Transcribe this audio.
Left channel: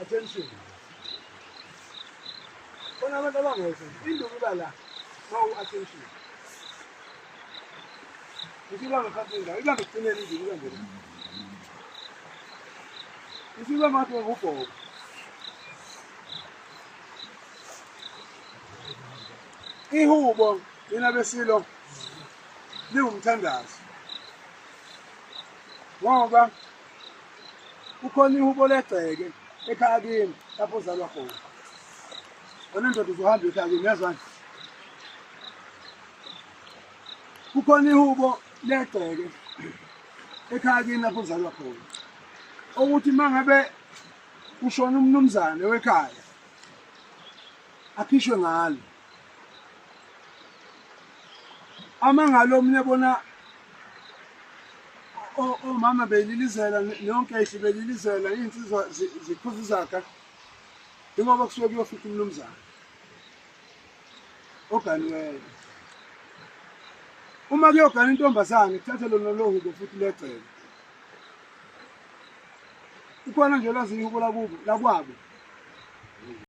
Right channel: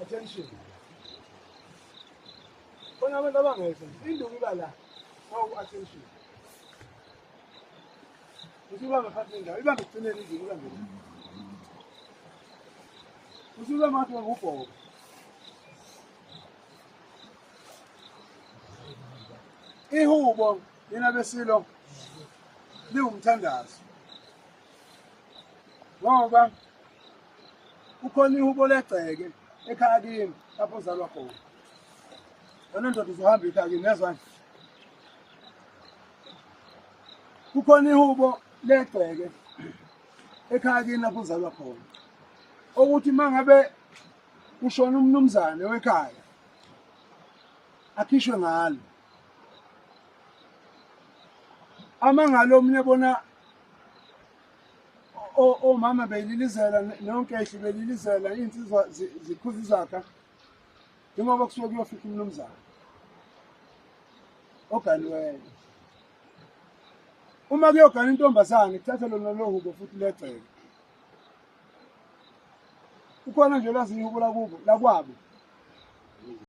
Attention. When I'm at attention. If you want to cut it down, you want to clean it. If you want to go ihubo inabesilo liwumthandazo ngoba ukhona ihubo legceke ekhaya kimi lapho uzalwa khona wena ndoda uzohamba ekhaya kimi yazwani ukhona ihubo legceke ekhaya kimi lapho uzalwa khona ukuthi mangabe ushona umnumzane wekhaya akhishwe ngalo amangalo omnye bona omama belilizela nonke ehle belilizela insizwa zikhuza izakha njengoba kusuke kuyofika umnumzane oganiweyo uma kuyogana intombazane kuthatha lona lohubo futhi legceke ukhona nje lwazi ihubo lakwabo